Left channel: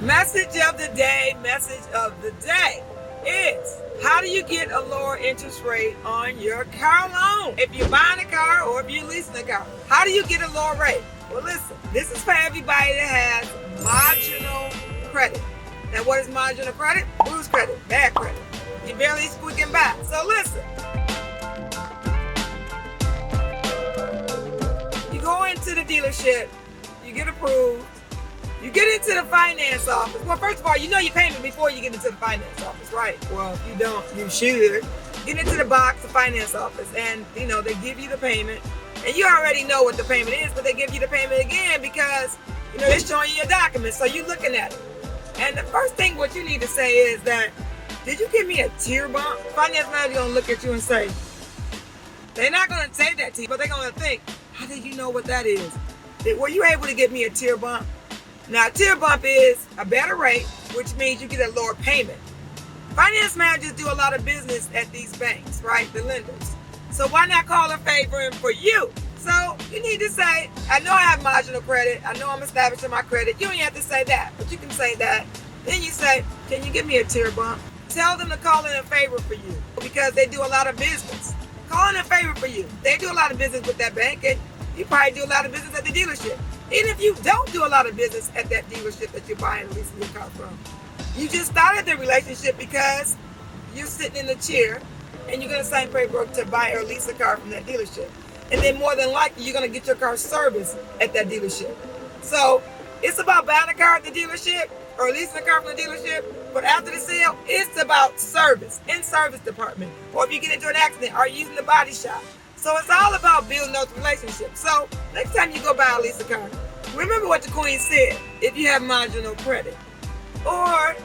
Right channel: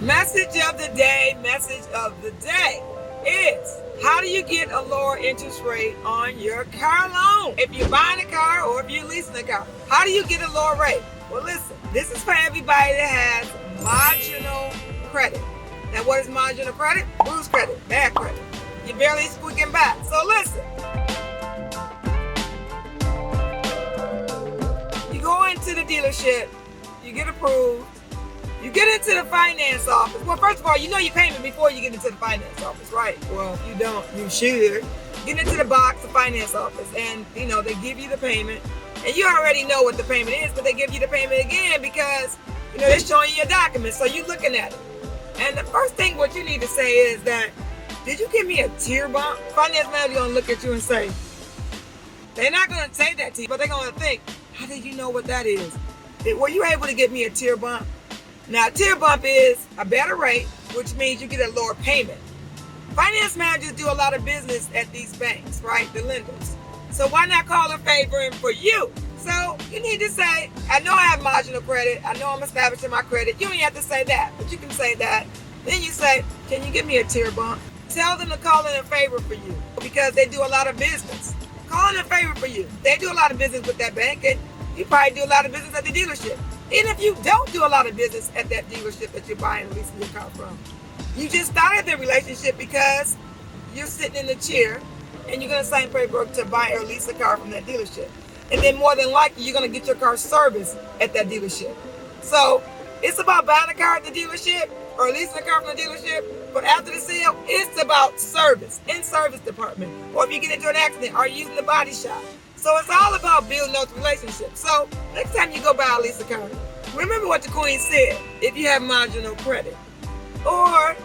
Message of the day, is how do you get a lower interest rate on your car loan? If you're buying a car or if you're leasing a car, how do you get a lower rate? Well, listen, this is for everybody that has marginal credit. Now, what is marginal credit? Bruised credit, bad credit. You're barely squeaking by. So listen, you go into the dealership, you get approved, you get into the finance office. Well, first of all, you know your payment before you get into the finance office, right? Well, if you don't, you should. Get into the box, the finance office, and they give you the payment. And you already know what the payment is, but they give you the payment again because, they're showing you your documents, so you're looking at it. And the first thing what you need to say is that, did you give me a tier bump? Finance manager gonna look at you and say, they're not gonna say that to you, but they're gonna think, how did you know what that is? Were you able to give me a tier bump? Now, a tier bump is a better rate, which means you get a lower payment. Finance managers do a lot of business at these banks, right? The lenders. So why not call in favor for you? So you need to say, I know I have marginal credit. I know I'm establishing my credit. You don't even have to say that, but you can say that. Then you say, can you give me a tier bump? Tell them to call in favor for you because they do a lot of business. Call in favor for you. They do a lot of business with that bank, and you probably do a lot of business at the dealership. Even if you don't do a lot of business at that dealership that you're buying and leasing your car from, you just started the relationship because you're sitting in the chair and you're going to sign paperwork to buy or lease a car from that dealership. And then more than likely, you're going to get your car serviced at that dealership. So it's about buying a car at the dealership or leasing a car from the dealership. But after the sale, it's about service, in-service department. Or if you get into an accident, are you using the body shop? So it's all about building those relationships. So next time you go buy or lease a car, remember what the queen said, if you have marginal credit. Or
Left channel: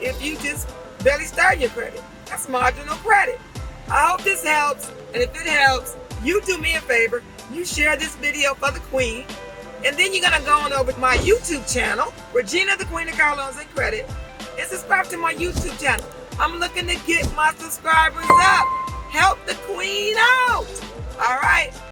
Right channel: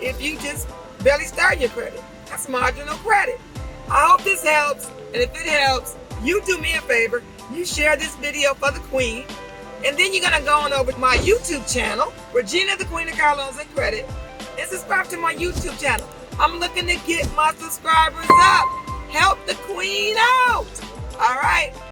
if you just barely start your credit, that's marginal credit. I hope this helps. And if it helps, you do me a favor. You share this video for the queen. And then you're going to go on over to my YouTube channel, Regina, the Queen of Car Loans and Credit, and subscribe to my YouTube channel. I'm looking to get my subscribers up. Help the queen out. All right.